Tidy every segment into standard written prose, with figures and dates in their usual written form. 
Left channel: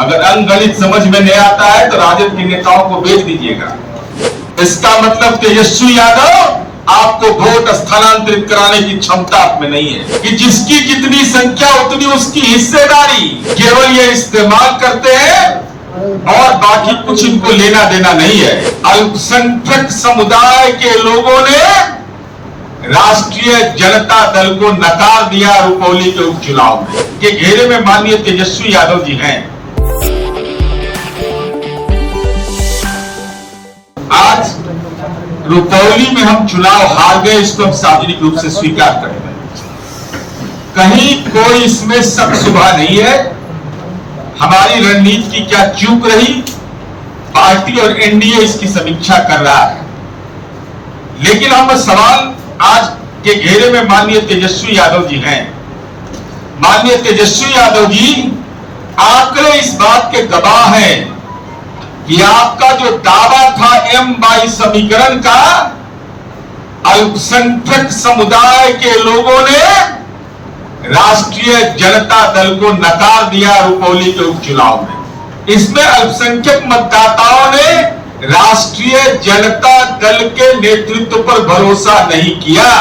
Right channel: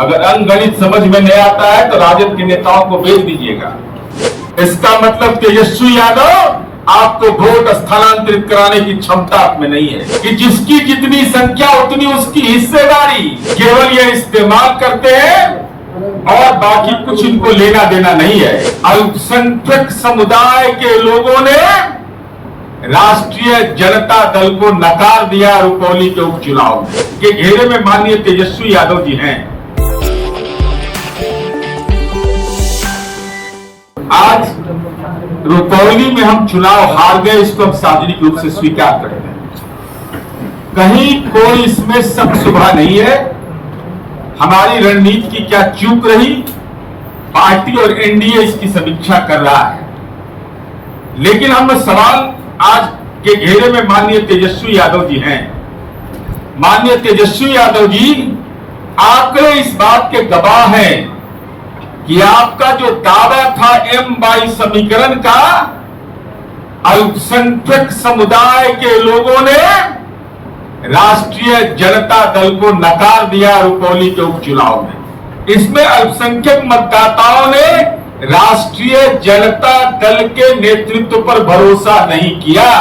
अगर अंकगणित समझ में नहीं आता है तो राजद के नेताओं को भेज दीजिएगा। इसका मतलब तेजस्वी यादव आपको वोट स्थानांतरित कराने की क्षमता आप में नहीं है कि जिसकी जितनी संख्या उतनी उसकी हिस्सेदारी, केवल ये इस्तेमाल करते हैं और बाकी कुछ इनको लेना देना नहीं है। अल्पसंख्यक समुदाय के लोगों ने राष्ट्रीय जनता दल को नकार दिया रुपौली के उपचुनाव में। के घेरे में माननीय तेजस्वी यादव जी हैं। आज रुपौली में हम चुनाव हार गए, इसको हम सार्वजनिक रूप से स्वीकार करेंगे। कहीं कोई इसमें शक शुबा नहीं है। हमारी रणनीति की क्या चूक रही, पार्टी और एनडीए इसकी समीक्षा कर रहा है। लेकिन हम सवाल आज के घेरे में माननीय तेजस्वी यादव जी हैं। माननीय तेजस्वी यादव जी, आंकड़े इस बात के गवाह हैं कि आपका जो दावा था M22 समीकरण का, अल्पसंख्यक समुदाय के लोगों ने राष्ट्रीय जनता दल को नकार दिया रुपौली के उपचुनाव में। इसमें अल्पसंख्यक मतदाताओं ने राष्ट्रीय जनता दल के नेतृत्व पर भरोसा नहीं किया।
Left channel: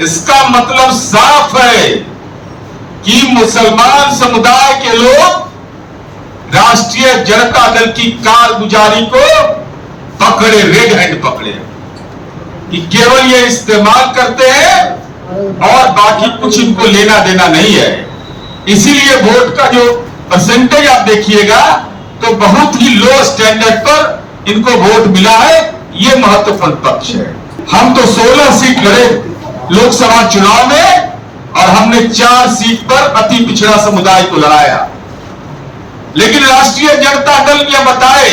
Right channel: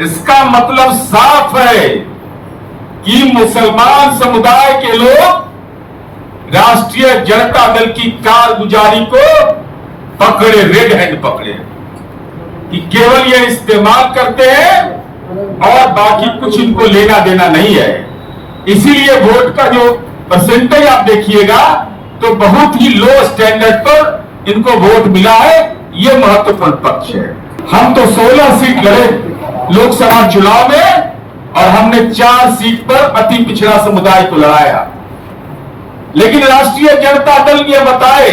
इसका मतलब साफ है कि मुसलमान समुदाय के लोग राष्ट्रीय जनता दल की कारगुजारी को पकड़े, रेड हैंड पकड़े, कि केवल ये इस्तेमाल करते हैं और बाकी कुछ इनको लेना देना नहीं है। इसीलिए वोट का जो परसेंटेज आप देखिएगा तो बहुत ही लो स्टैंडर्ड पर इनको वोट मिला है। ये महत्वपूर्ण पक्ष है। हम तो 16 सीट लड़े लोकसभा चुनाव में और हमने 4 सीट पर अति पिछड़ा समुदाय को लड़ाया। लेकिन राष्ट्रीय जनता दल ये बताए,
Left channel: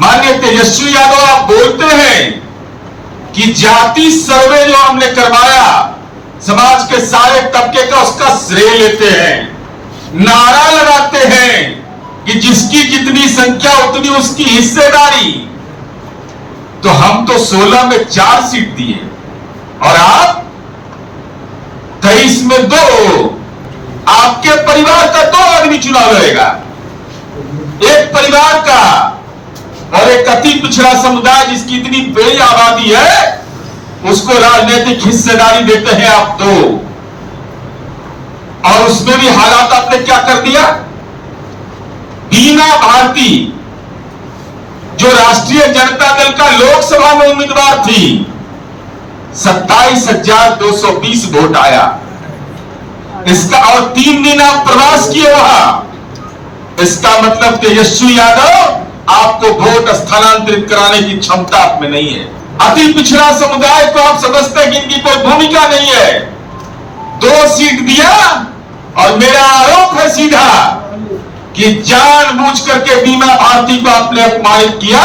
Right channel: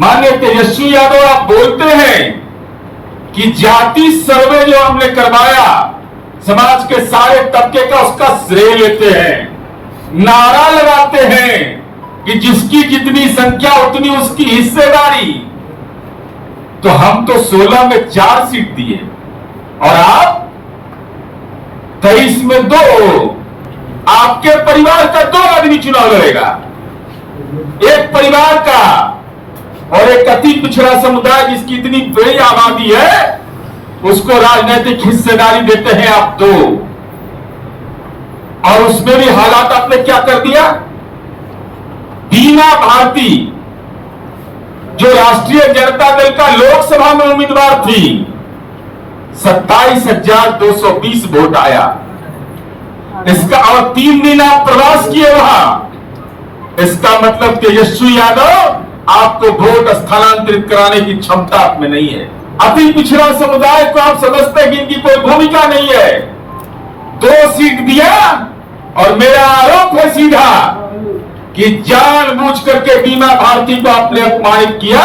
माननीय तेजस्वी यादव आप बोलते हैं कि जाति सर्वे जो हमने करवाया समाज के सारे तबके का, उसका श्रेय लेते हैं, नारा लगाते हैं कि जिसकी जितनी संख्या उतनी उसकी हिस्सेदारी। तो हम तो 16 में 4 सीट दिए और आप 23 में 2। आपके परिवार का 2 आदमी चुनाव लड़ेगा, एक परिवार का, और एक अति पिछड़ा समुदाय जिसकी इतनी बड़ी आबादी है उसको राजनीतिक हिस्सेदारी देते हैं आप 2। और उसमें भी हालात आपने क्या कर दिया। बीना भारती जो राष्ट्रीय जनता दल का लोकसभा में उम्मीदवार थी, 27,220 वोट आया इसका, और 3 दिन आप प्रवास किए वहां। इसका मतलब तेजस्वी यादव आपको वोट स्थानांतरित कराने की क्षमता आप में नहीं है। अति पिछड़ा समुदाय को आप समझते हैं कि इनकी कोई भूमिका नहीं है। 2 सीट दिया और मेरा आरोप है सीधा कि जानबूझ करके बीमा भारती को आपने अपमानित किया।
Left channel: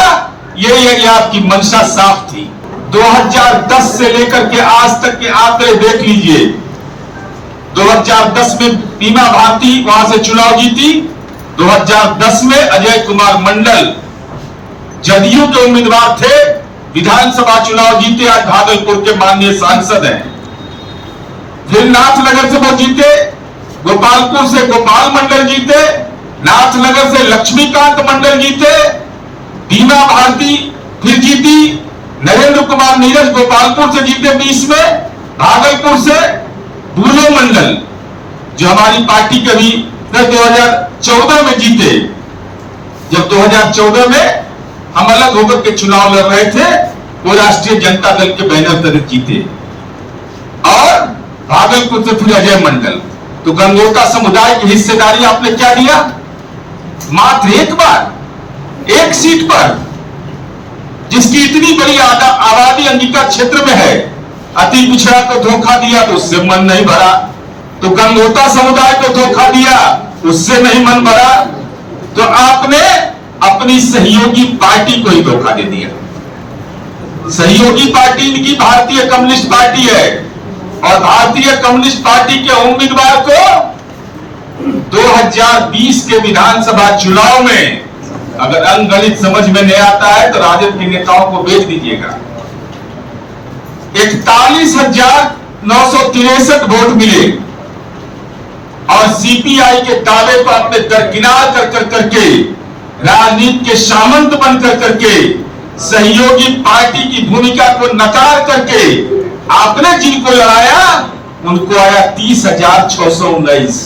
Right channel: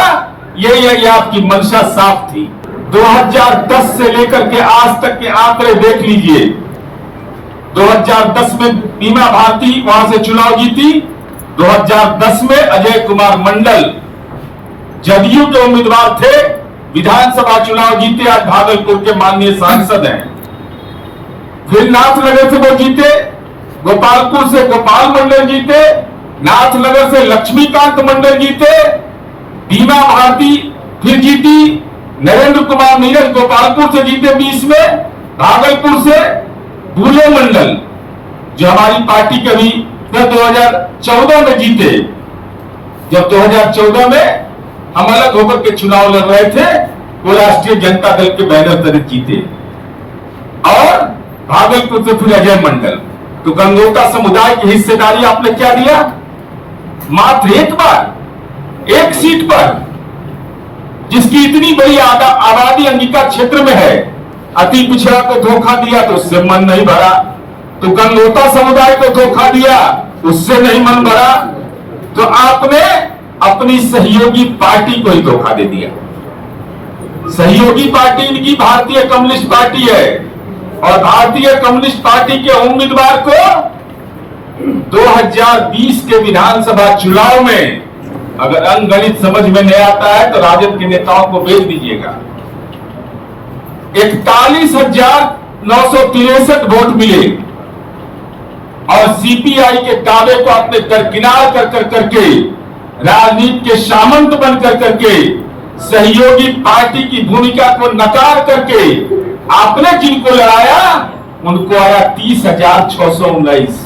ये आपकी मंशा साफ थी। 2010 से लेकर के आज तक के आंकड़े देख लीजिए। 2010 में बीमा भारती वहां से चुनाव जीती। 2010 में अजय कुमार मंडल जदयू के उम्मीदवार थे, विधानसभा चुनाव जीते, आज भागलपुर के माननीय सांसद हैं। फिर नाथनगर से वो जीते, गोपालपुर से गोपाल मंडल जीते, नाथनगर से लक्ष्मीकांत मंडल जीते, बीमा भारती फिर जीती, नरेंद्र कुमार नीरज गोपालपुर से जीते 20 में, भागलपुर से बुलो मंडल जो हमारी पार्टी के भी 2014 में जीते। जब 2014 में हम अलग होकर के चुनाव लड़ रहे थे, वो राष्ट्रीय जनता दल के बैनर तले जीते। और भागलपुर से फिर अजय मंडल। तो गंगोटा समुदाय की हिस्सेदारी आपने क्या दिया, मात्र एक बार 1 सीट पर, जिसकी इतनी बड़ी आबादी अंगिका क्षेत्र में है। अति पिछड़ा को धोखा दिया तो उससे मन नहीं भरा, तो गंगोटा समुदाय को धोखा दिया उससे नहीं मन भरा, तो आपने अपनी सहयोगी पार्टी को ही धोखा दे दिया। सहयोगी पार्टी इनकी भारतीय कम्युनिस्ट पार्टी है, और भारतीय कम्युनिस्ट पार्टी के उम्मीदवार को 2020 के विधानसभा चुनाव में, अगर अंकगणित समझ में नहीं आता है तो राजद के नेताओं को भेज दीजिएगा, 41,963 वोट मिले। और सीपीआई के दावे को आपने दरकिनार कर करके राजनीति के सामंत बन करके सहयोगी पार्टी की भूमिका को नकार करके आपने जिनको लड़ाया उनको आया 30,619।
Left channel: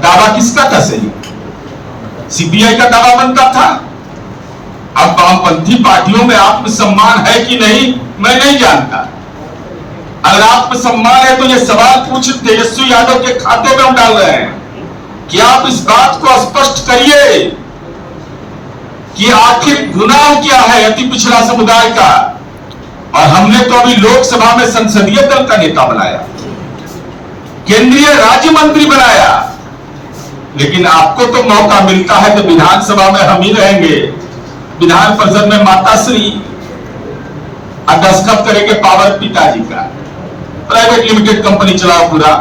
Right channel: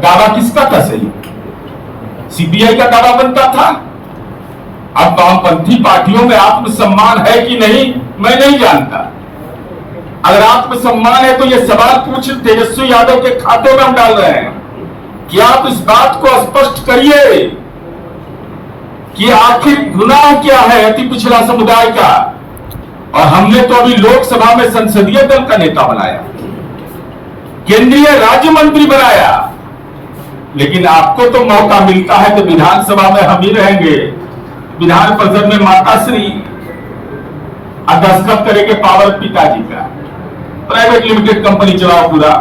दावा किसका था सही? सीपीआई का दावा बनता था। अब वामपंथी पार्टियों में आत्मसम्मान है कि नहीं मैं नहीं जानता। अगर आत्मसम्मान है तो ये सवाल पूछ तेजस्वी यादव के खाते में हम डाल रहे हैं कि आप इस बात को स्पष्ट करिए कि आखिर गुनाह क्या है अति पिछड़ा समुदाय का। और हमने तो अभी लोकसभा में संसदीय दल का नेता बनाया, केंद्रीय राज्य मंत्री बनाया, लेकिन आपको तो मौका मिलता है तो विधानसभा में हम ही रहेंगे, विधान परिषद में माताश्री दस्तखत करेंगे पावर पिताजी का, प्राइवेट लिमिटेड कंपनी चलाओ पूरा।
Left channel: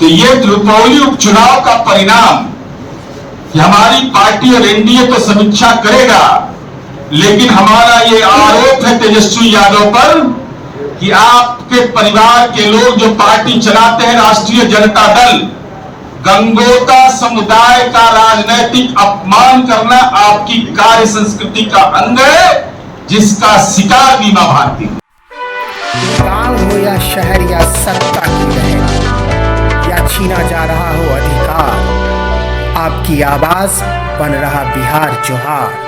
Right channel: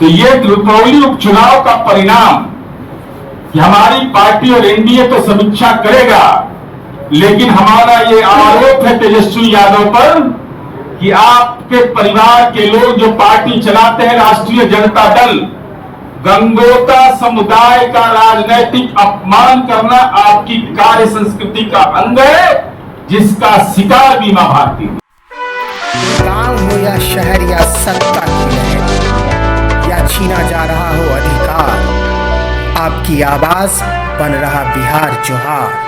तो ये रुपौली उपचुनाव का परिणाम कि हमारी पार्टी और एनडीए तो समीक्षा करेगा, लेकिन हमारा ये आरोप है तेजस्वी यादव पर कि आपके परिवार के लोग जो पार्टी चलाते हैं राष्ट्रीय जनता दल, गंगोता समुदाय का राजनैतिक अपमान करना आपकी कार्य संस्कृति का अंग है, जिसका शिकार बीमा भारती है। गांव हो या शहर या सत्ता की लहर या छीना जा रहा हो अधिकार, आपकी आवाज बन रहा बिहार जोहार।